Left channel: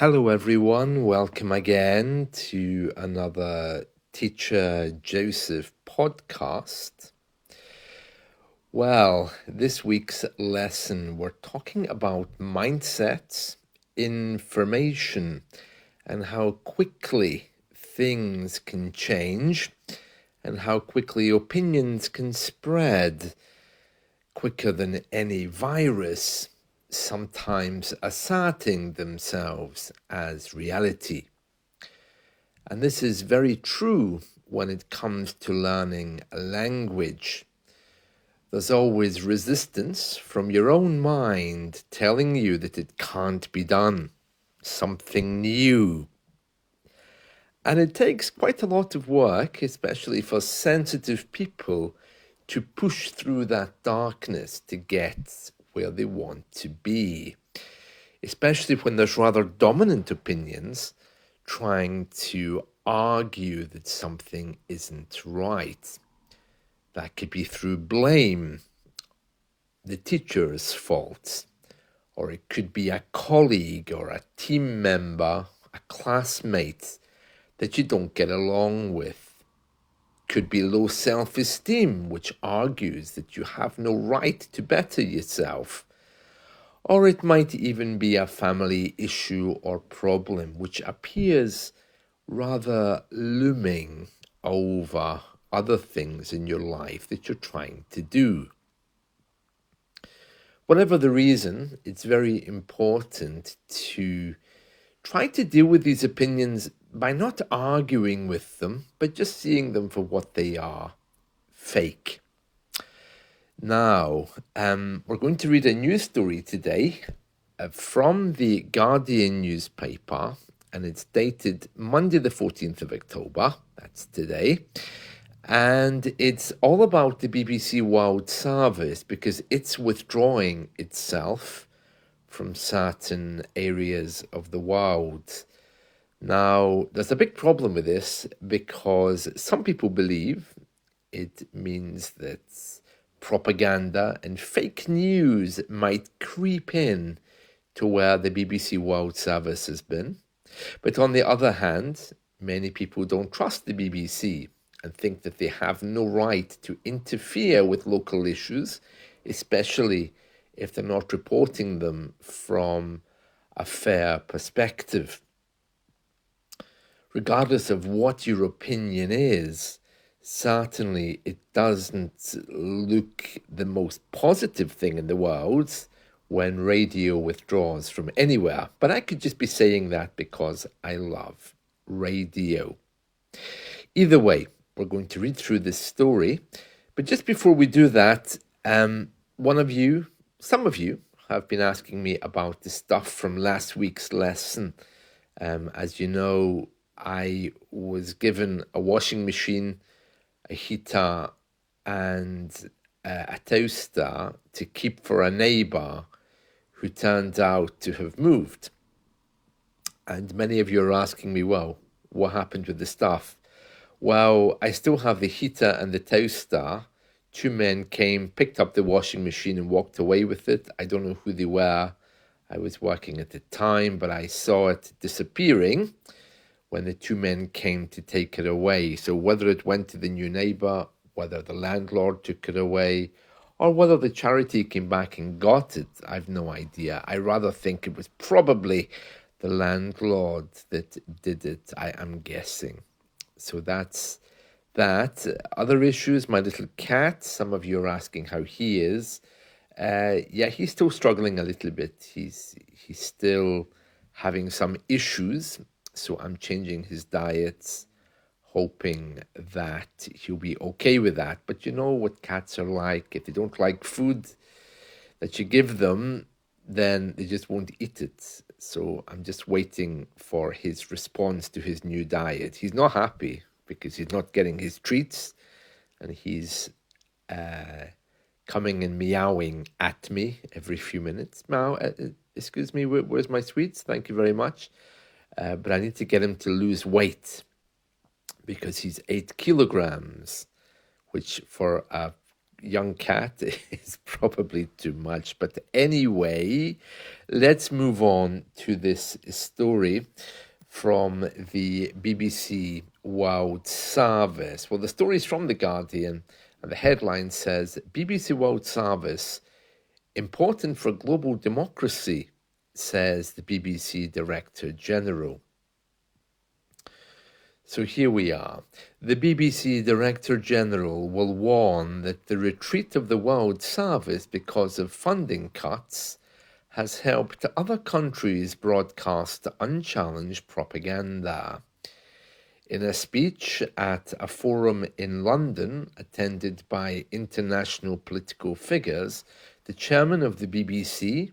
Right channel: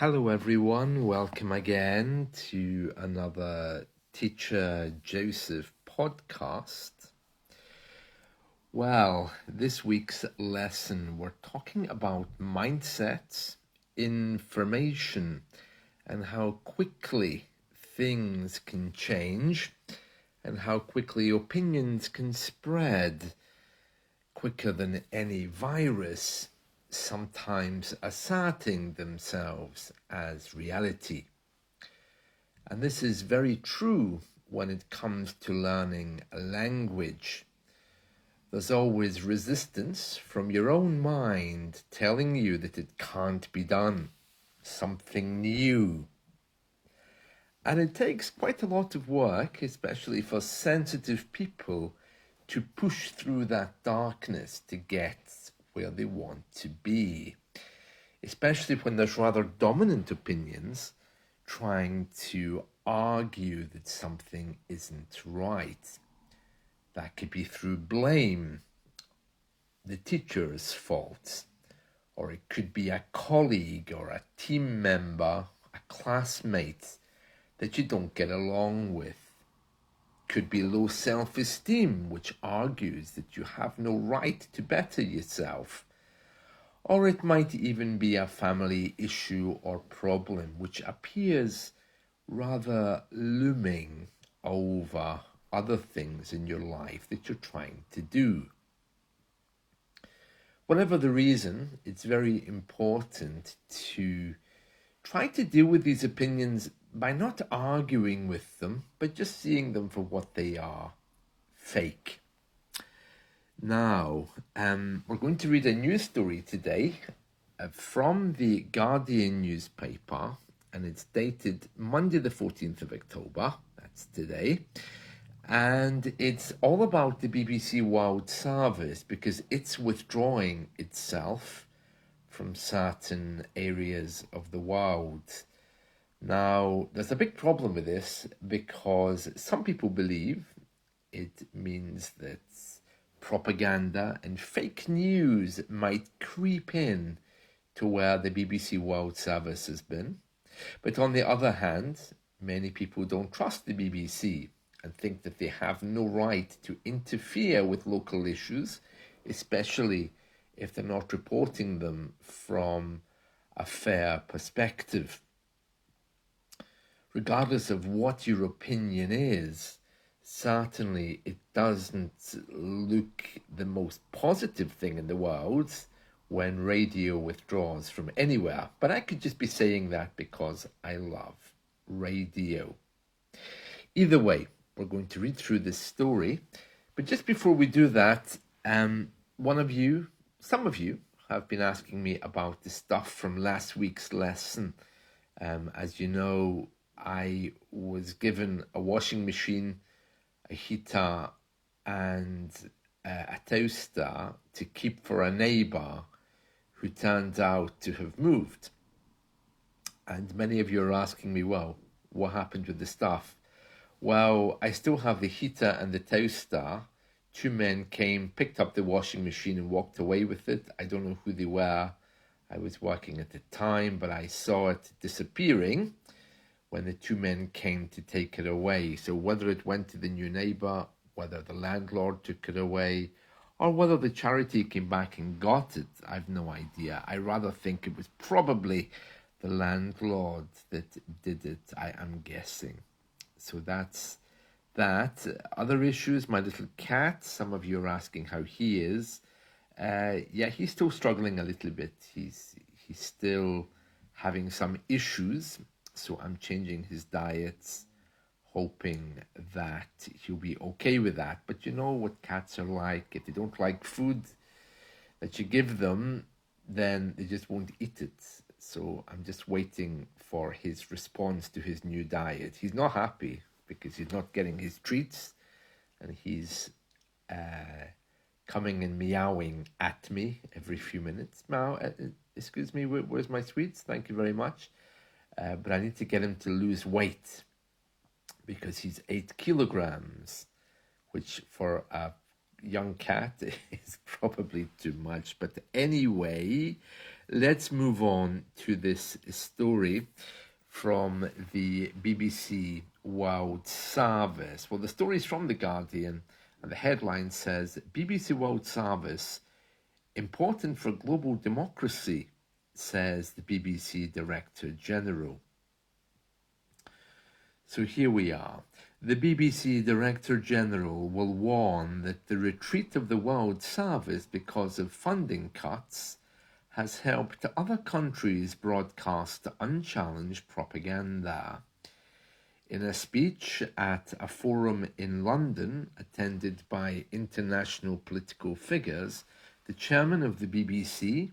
Hello, everyone. Welcome again to another Teacher Joseph podcast. Well, this week's lesson, we're talking about mindsets, information, and how quickly things can change and how quickly opinions can spread quicker than any virus, sometimes asserting themselves as reality. And this is very true when it comes to learning a language. There's always resistance from your own mind telling you that it can't be done, something new. And it takes quite a lot of work, especially for sensitive people, to push through that darkness to get where they want to be, especially when there's rather dominant opinions trying to argue that something isn't right. That could be through blame, the teacher's fault, or it could be a colleague or a team member, a classmate that you don't get along with. Could be low self-esteem, which argues that you have no right to better yourself. Or it might even be a family issue or problem which appears rather looming over other things in your life that you're trying to do. Whatever the reason, it's very important to try to deal with these opinions by not arguing with them, but just seeing them for what they are, fake. Now, we're going to read a news story today from the Guardian newspaper, and it's dated Monday the 14th of October, that's today, and it's all about the BBC World Service because it's withdrawing itself from certain areas of the world. Now, there's a big problem with this because some people believe it means that propaganda and fake news might creep in to where the BBC World Service has been. But on the other hand, many people don't trust the BBC and think that they have no right to interfere with local issues, especially if they're not reporting them from a fair perspective. Regardless of what your opinion is, certainly it doesn't look the most positive thing in the world when radio withdraws from anywhere. But I could just be saying that because I love radio. Either way, we're going to read through this story. But just before we do that, some of you have been asking me about the stuff from last week's lesson. As you know, I was given a washing machine, a heater, and a toaster to keep for a neighbour who turned out to have moved. And many of you are asking me, well, what happened with the stuff? Well, I still have the heater and the toaster. Two men came, picked up the washing machine and walked away with it. I don't know who they were. I was working at the time, but I saw it disappearing when the two men came to take it away. So whether it went to the new neighbour, whether the landlord took it away, or whether the charity came back and got it, I've no idea. I rather think it was probably the landlord that did it, I am guessing. So that's that. Other issues, my little cat, some of you are asking how he is. Yeah, he's still struggling a little bit. He's still having some issues. So I'm changing his diets, hoping that he'll be okay with that. But you know what cats are like. If they don't like food that you give them, then they just won't eat it. So I'm just waiting for his response to his new diet. He's not happy because he's not getting his treats, and he's coming and meowing at me every few minutes. Meow, excuse me, where's my sweets? Thank you very much. But I need to get him to lose weight because he's 8 kilograms, which for a young cat is probably too much. But anyway, let's move on to this story from the BBC World Service. Well, the story is from The Guardian, and the headline says BBC World Service important for global democracy, says the BBC Director General. So here we are. The BBC Director General will warn that the retreat of the World Service because of funding cuts has helped other countries broadcast unchallenged propaganda. In a speech at a forum in London, attended by international political figures, the chairman of the BBC,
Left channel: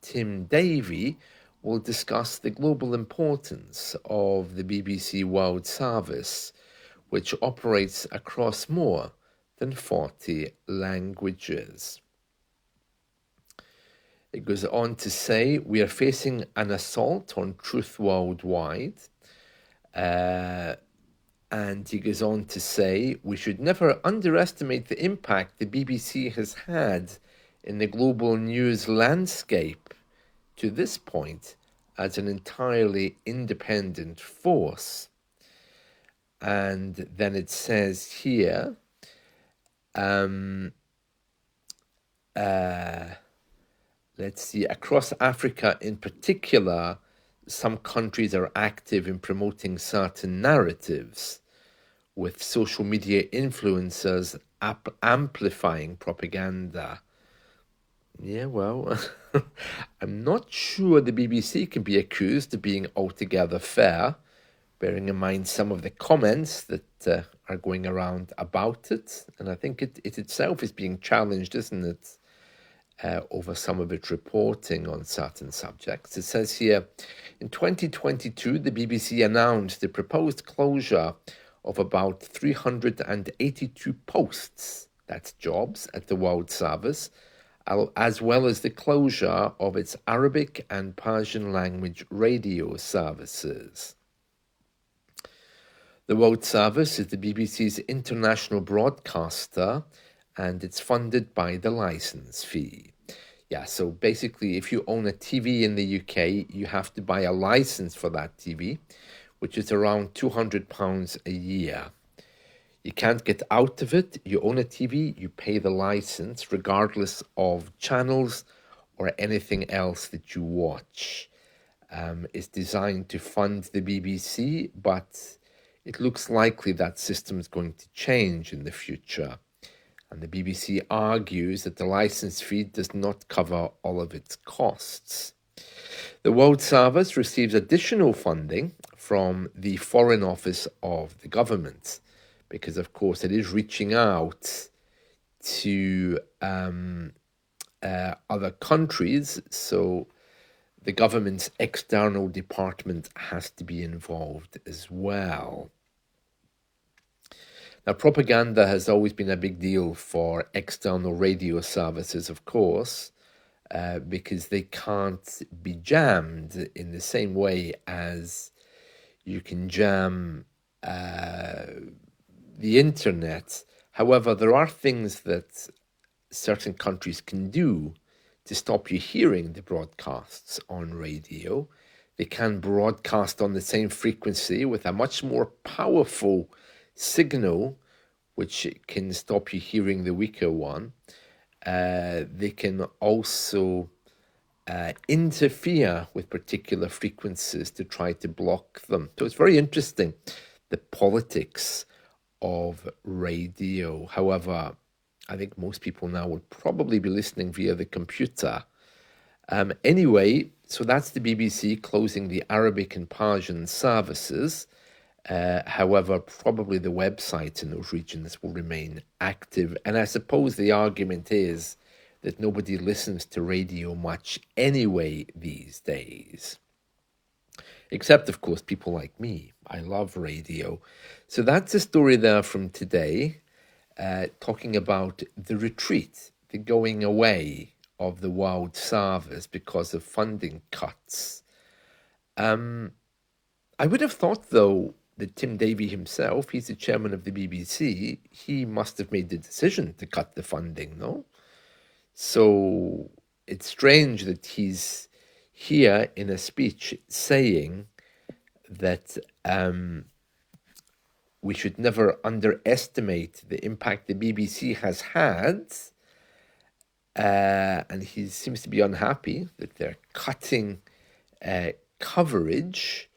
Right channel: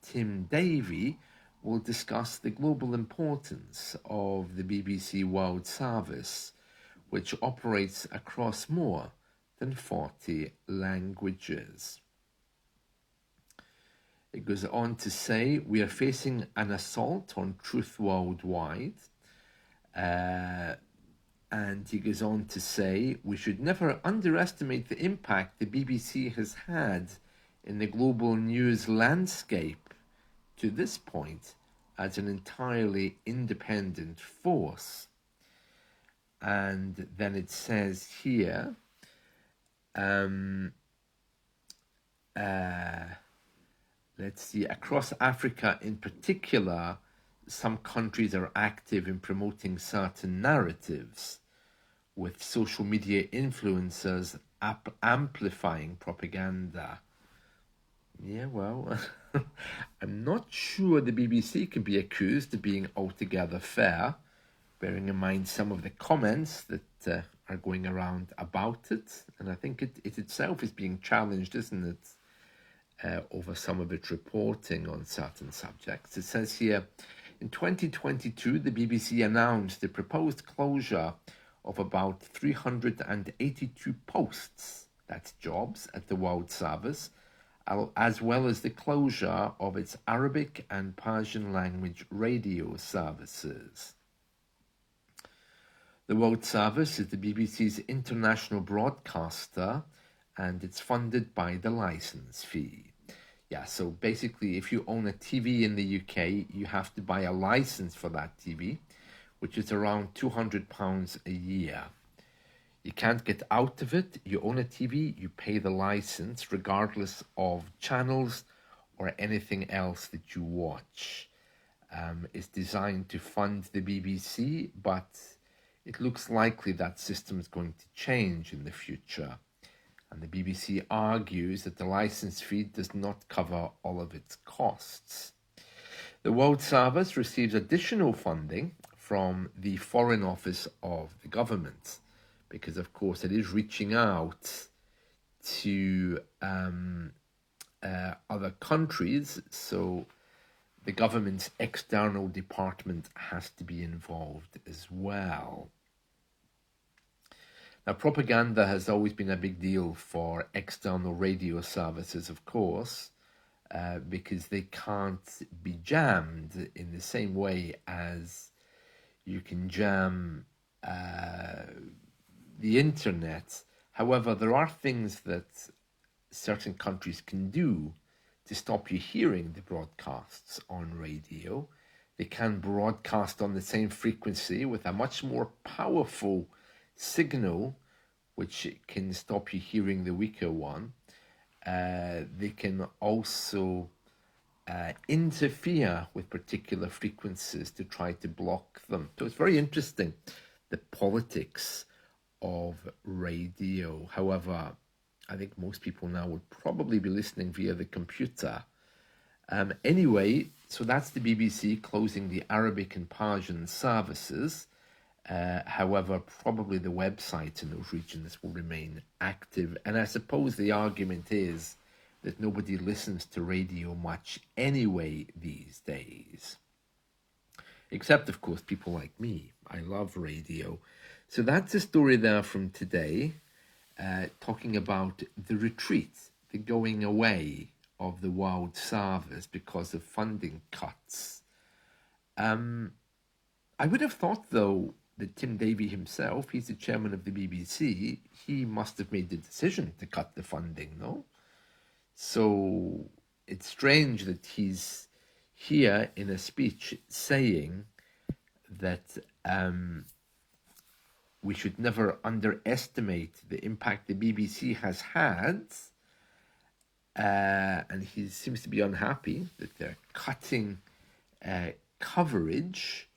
Tim Davie, will discuss the global importance of the BBC World Service, which operates across more than 40 languages. It goes on to say, we are facing an assault on truth worldwide. And he goes on to say, we should never underestimate the impact the BBC has had in the global news landscape to this point as an entirely independent force. And then it says here, let's see, across Africa in particular, some countries are active in promoting certain narratives, with social media influencers amplifying propaganda. Yeah, well, I'm not sure the BBC can be accused of being altogether fair, bearing in mind some of the comments that are going around about it. And I think it itself is being challenged, isn't it? Over some of its reporting on certain subjects. It says here, in 2022, the BBC announced the proposed closure of about 382 posts, that's jobs, at the World Service, as well as the closure of its Arabic and Persian language radio services. The World Service is the BBC's international broadcaster, and it's funded by the license fee. Yeah, so basically, if you own a TV in the UK, you have to buy a license for that TV, which is around £200 a year. You can't get out of it. You own a TV, you pay the license, regardless of channels or anything else that you watch. It's designed to fund the BBC, but it looks likely that system is going to change in the future. And the BBC argues that the license fee does not cover all of its costs. The World Service receives additional funding from the Foreign Office of the government, because of course it is reaching out to other countries, so the government's external department has to be involved as well. Now, propaganda has always been a big deal for external radio services, of course, because they can't be jammed in the same way as you can jam the internet. However, there are things that certain countries can do to stop you hearing the broadcasts on radio. They can broadcast on the same frequency with a much more powerful signal, which can stop you hearing the weaker one. They can also interfere with particular frequencies to try to block them. So it's very interesting, the politics of radio. However, I think most people now would probably be listening via the computer. Anyway, so that's the BBC closing the Arabic and Persian services. However, probably the websites in those regions will remain active. And I suppose the argument is that nobody listens to radio much anyway these days. Except, of course, people like me. I love radio. So that's a story there from today, talking about the retreat, the going away of the World Service because of funding cuts. I would have thought, though, that Tim Davie himself, he's the chairman of the BBC, he must have made the decision to cut the funding, no? So it's strange that he's here in a speech saying that we should never underestimate the impact the BBC has had. And he seems to be unhappy that they're cutting coverage.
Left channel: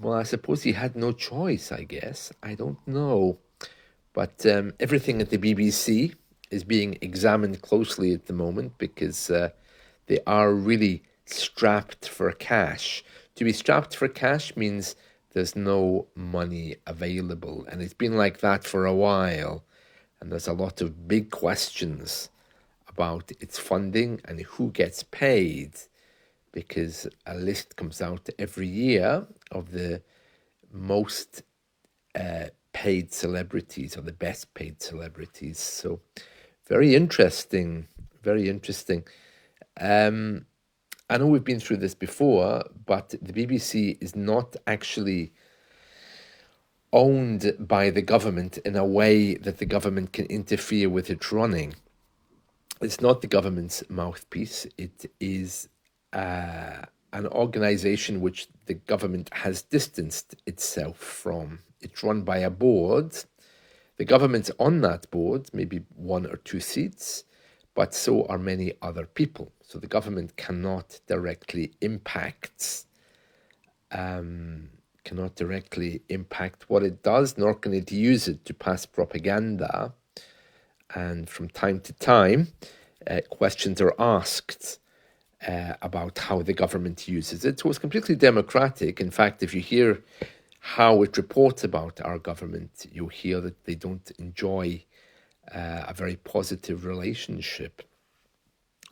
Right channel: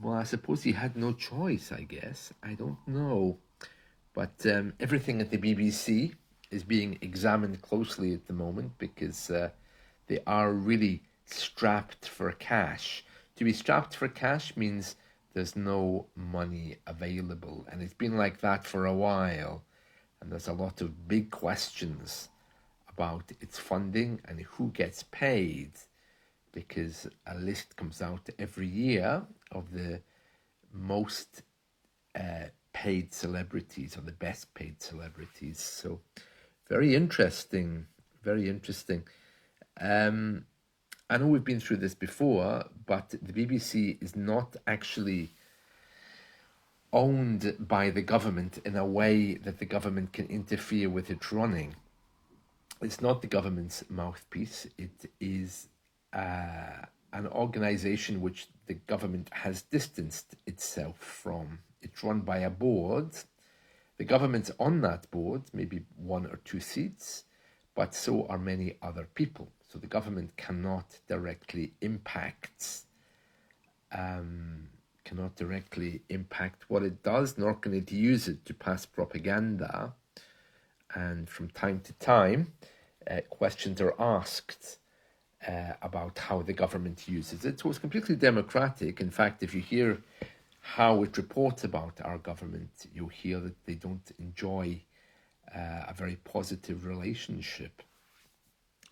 Well, I suppose he had no choice, I guess. I don't know. But everything at the BBC is being examined closely at the moment because they are really strapped for cash. To be strapped for cash means there's no money available. And it's been like that for a while. And there's a lot of big questions about its funding and who gets paid, because a list comes out every year of the most paid celebrities or the best paid celebrities. So very interesting, very interesting. I know we've been through this before, but the BBC is not actually owned by the government in a way that the government can interfere with its running. It's not the government's mouthpiece. It is an organization which the government has distanced itself from. It's run by a board. The government's on that board, maybe 1 or 2 seats, but so are many other people. So the government cannot directly impact what it does, nor can it use it to pass propaganda. And from time to time, questions are asked about how the government uses it. So it's completely democratic. In fact, if you hear how it reports about our government, you'll hear that they don't enjoy a very positive relationship.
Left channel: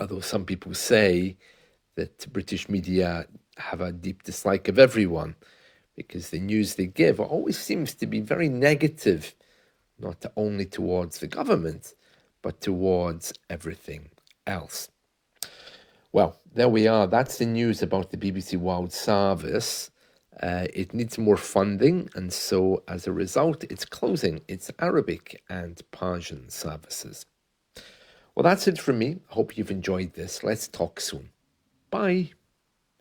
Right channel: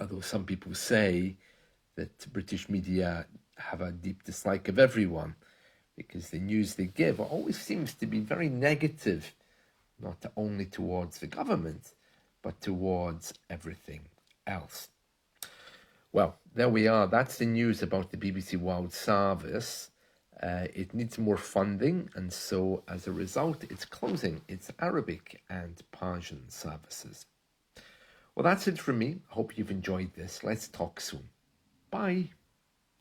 Although some people say that British media have a deep dislike of everyone because the news they give always seems to be very negative, not only towards the government, but towards everything else. Well, there we are. That's the news about the BBC World Service. It needs more funding, and so as a result, it's closing its Arabic and Persian services. Well, that's it from me. I hope you've enjoyed this. Let's talk soon. Bye.